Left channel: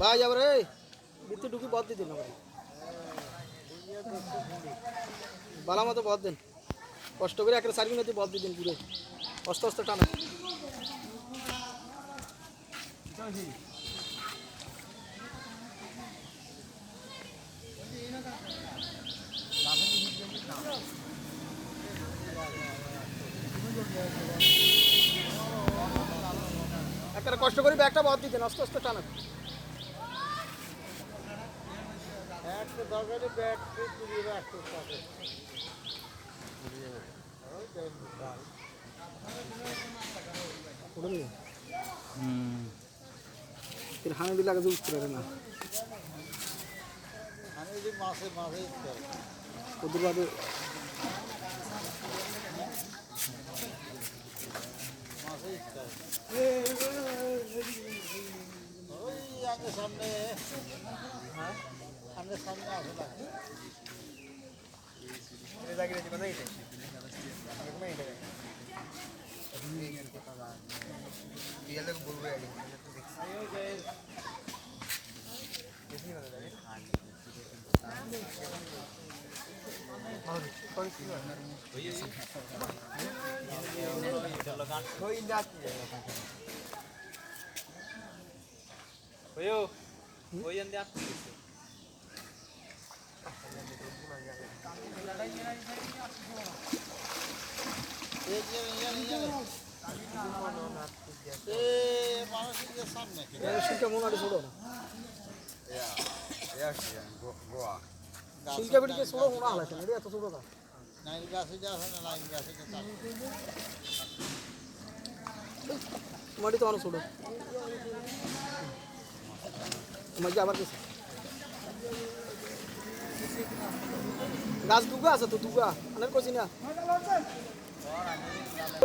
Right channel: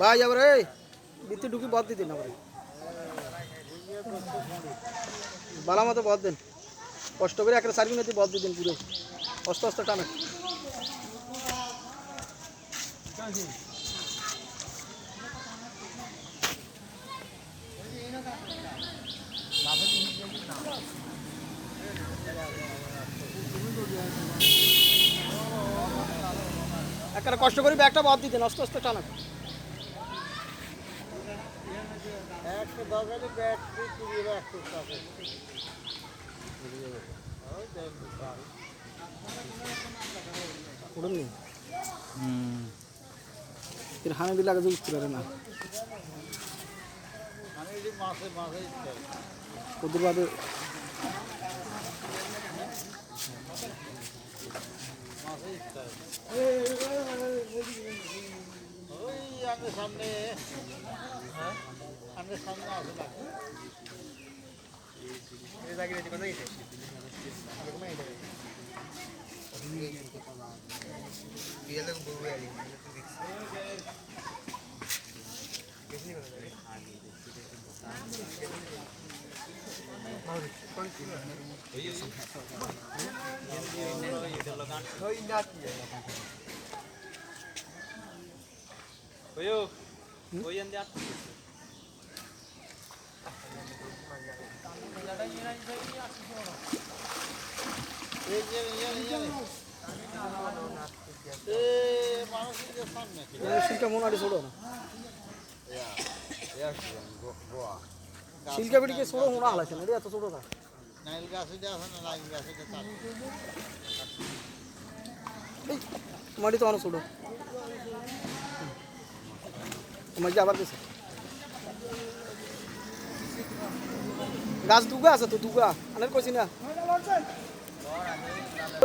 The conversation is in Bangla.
ভাই, আবার রে বিত্তি ঢুকি বাদ দিতেন আবার। বালা মতো বাদ দেন। কষ্ট করে একটা সার্ভিং হতে বাদ দিতেন পুরো। অস্ত অস্ত টানা। একটা কষ্ট করে ব্যাগটা বাদ দিতেন আস্তে আস্তে টানা। একশো দরকারি ব্যাগ কুড়িয়ে রাখতে থাকে উড়ুন নি ফির হানে দিলে আগে উঠতে পারে না। আমি যদি মাসে মাসে ওদের বাদে মাসে ওই আমাদের সামনে আমাদের সামনে আসে না এই যে এই যে, এই যে। এ মানুষের সামনে কি শিলটা মনে হয় ছোড়ো না গোয়া শিলটা বেটিকে ছোড়ো মনে হালাছে না এত ছোড়ো না নাইল গাছে যে আছে না নাইল গাছে যে তার মাটি তো অনেক ছোট। মজা আবার কিছু গাছ দুগা আছে তো দুগা। অনেক কইছি না।